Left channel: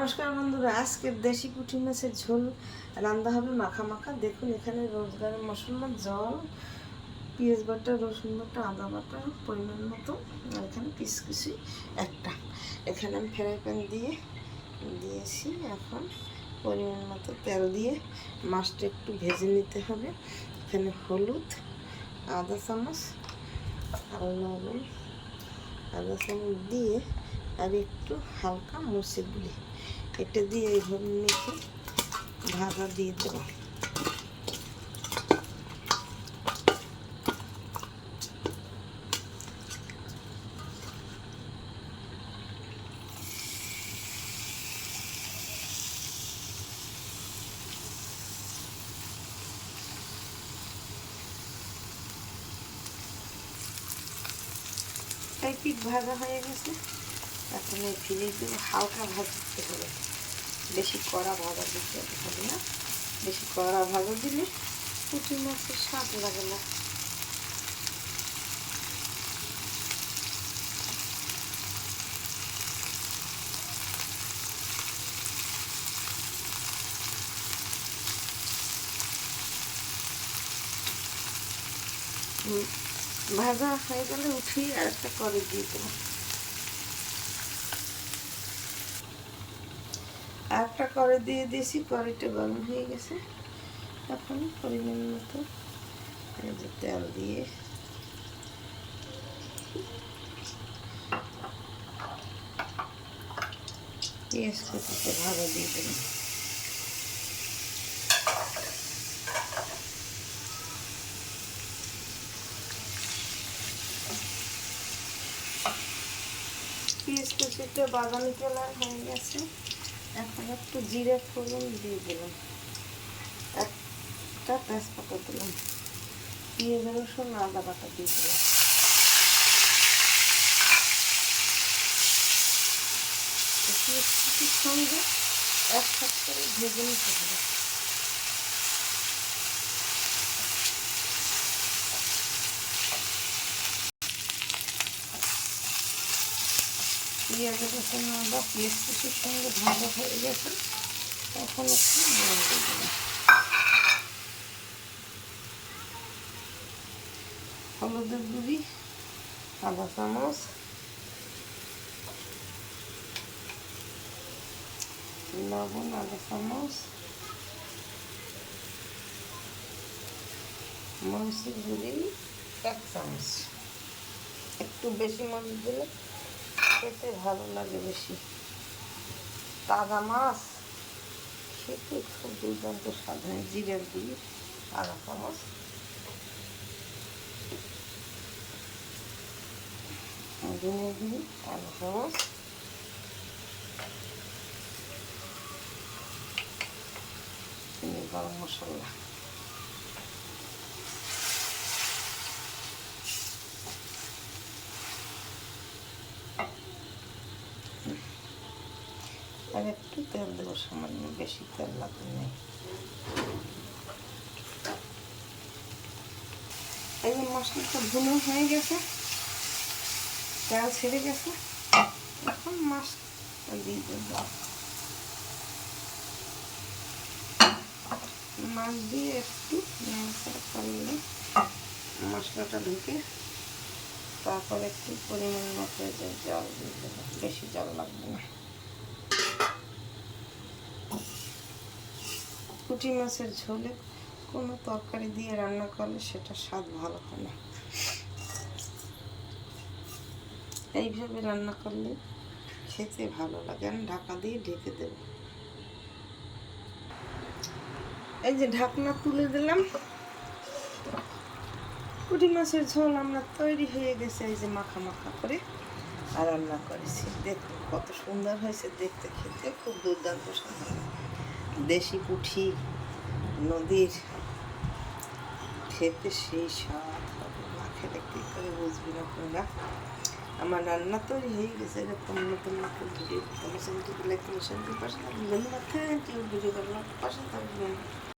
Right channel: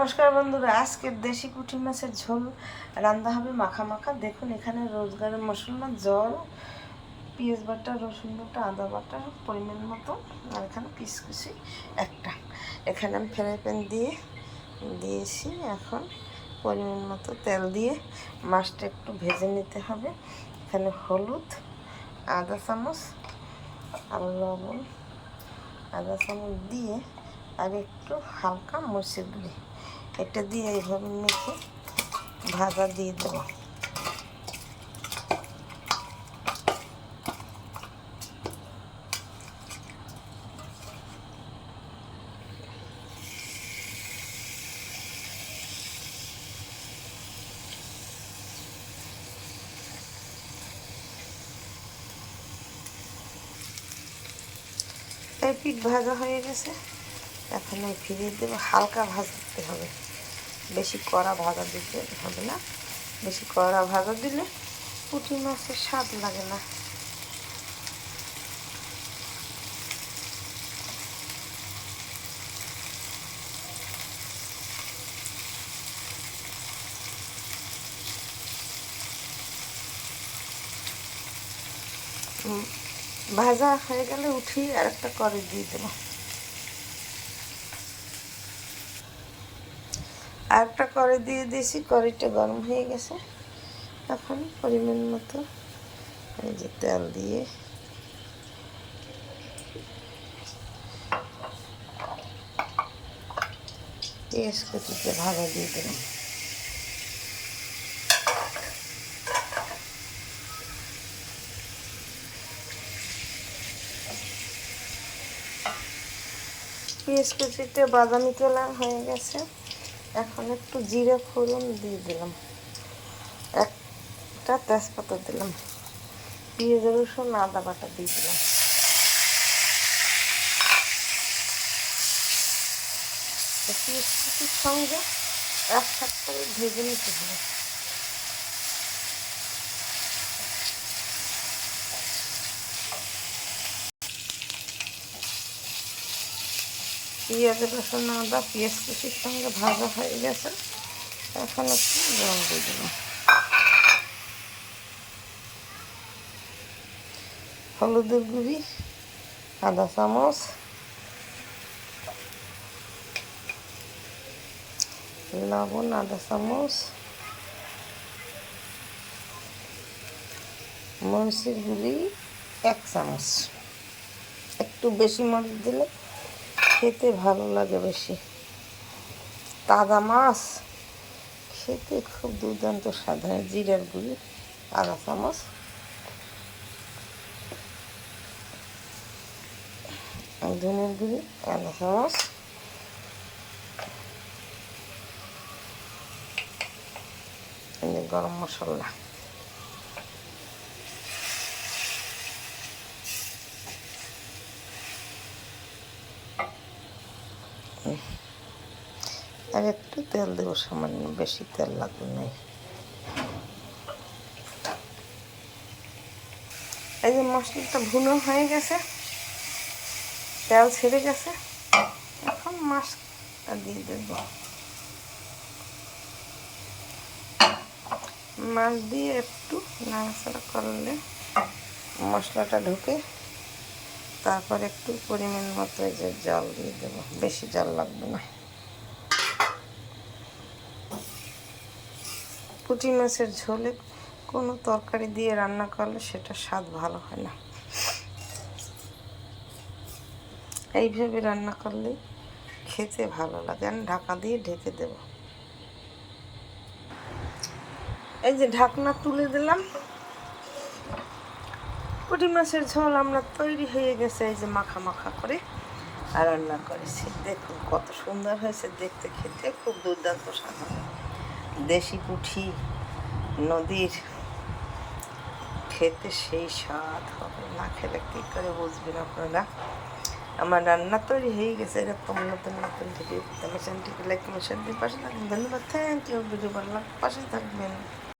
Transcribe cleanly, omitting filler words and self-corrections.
নমস্কার বন্ধুরা, আজকের দেশি পুঁটি মাছের ঝোল রান্না হবে মাখা মাখা। দেখুন এখানে রোজগারের মশলা, জল, পেঁয়াজ বাটা, রসুন বাটা, আদা বাটা পরিমাণ মতো, আর এখানে পিসকুচি একটা। এখানে আমি ফ্রাই প্যান দিয়েছি। এখন পরিমাণ মতো তেল দিয়ে মাছটা একটু ভেজে নিতে হবে। এখানে হলুদ আধা চামচ আর লবণ আধা চামচ দিয়ে আর একটু হালকা মরিচের গুঁড়ি এটা দিয়ে এইভাবে মেখে ভাজা দিয়ে দেবো। এই পিঠ ভাজা হয়ে গেছে, এখন এই ফিরিয়ে দেবো। হালকা ভাজতে হবে, বেশি কড়া ভাজা দিতে হবে না। বেশি কড়া ভাজা দিলে পুঁটি মাছের স্বাদ লাগে না। ভাজা হয়ে গেলে উঠিয়ে আর একটা কড়াই দিয়ে দেবো। আর একটা কড়াই দিয়ে দিয়েছি, কড়াইটা গরম হয়ে গেছে। এখন পরিমাণ মতো এই যে তেল দিয়ে পেঁয়াজ কুচিতে ভাজা দিয়ে দিলাম। পেঁয়াজ কুচিতে বাদামি কালার হয়ে গেছে। এখন একটু জিরে ফোড়ন দিয়ে দিলাম, একটা তেজপাতা দিলাম, পেঁয়াজ রসুন আদা বাটা দিয়ে দিলাম। পেঁয়াজ কুচির সঙ্গে একসাথে করে ভেজে নিতে হবে। পেঁয়াজ রসুন আদা পেঁয়াজ কুচির সঙ্গে ভাজা হয়ে গেছে। এখন একটু জল দিয়ে দিলাম। হলুদের গুঁড়ি আধা চামচ, লবণ আধা চামচ, মরিচের গুঁড়ি 1 চামচ। একটু বেশি মরিচ দিলে খেতে ভালো লাগে বেশি। তাজা মাছ খেতে খুব দুর্দান্ত স্বাদ হয়। জিরার গুঁড়ি আধা চামচ, ধনের গুঁড়ি আধা চামচ, গরম মশলা আর একটু তেল দেবো, সামান্য, বেশি তেল লাগবে না। এই যে মশলাটা ভুনো হয়ে গেছে, তেল ছেড়ে গেছে। এখন মাছটা দিয়ে দেবো। মাছ দিয়ে একটু নাড়াচাড়া করলে মশলাটা ঢুকে, তারপর একটু পরিমাণ মতো এই যে জল দিয়ে দেবো, বেশি জল লাগবে না। পুঁটি মাছের ঝোলে কোনো তরকারি দিয়ে রান্না করলে সেটা স্বাদ ভালো হয় না। এইভাবে রান্না করলে খেতে ভালো লাগে। আমি ঢাকা দিয়ে ঢেকে দেব। এই যে ঢাকনা তুলে দিলাম, পুঁটি মাছের ঝোল আমরা তৈরি হয়ে গেছে। এই যে মাখা মাখা করে আর রান্না করেছি। দেখুন কত সুন্দর হয়েছে দেখতে, খেতে খুব দুর্দান্ত স্বাদ হবে। দেশি পুঁটি নদীর, খেতে সেই স্বাদ হবে, না খেলে কী করে বুঝবেন আপনারা। আমার রান্না তৈরি হয়ে গেছে। এরকম নতুন নতুন ভিডিও আমার চ্যানেলটিকে লাইক কমেন্ট শেয়ার দিয়ে পাশে থাকবেন। ধন্যবাদ। Thank you. ভিডিও ভালো লাগলে পাশে থাকবেন।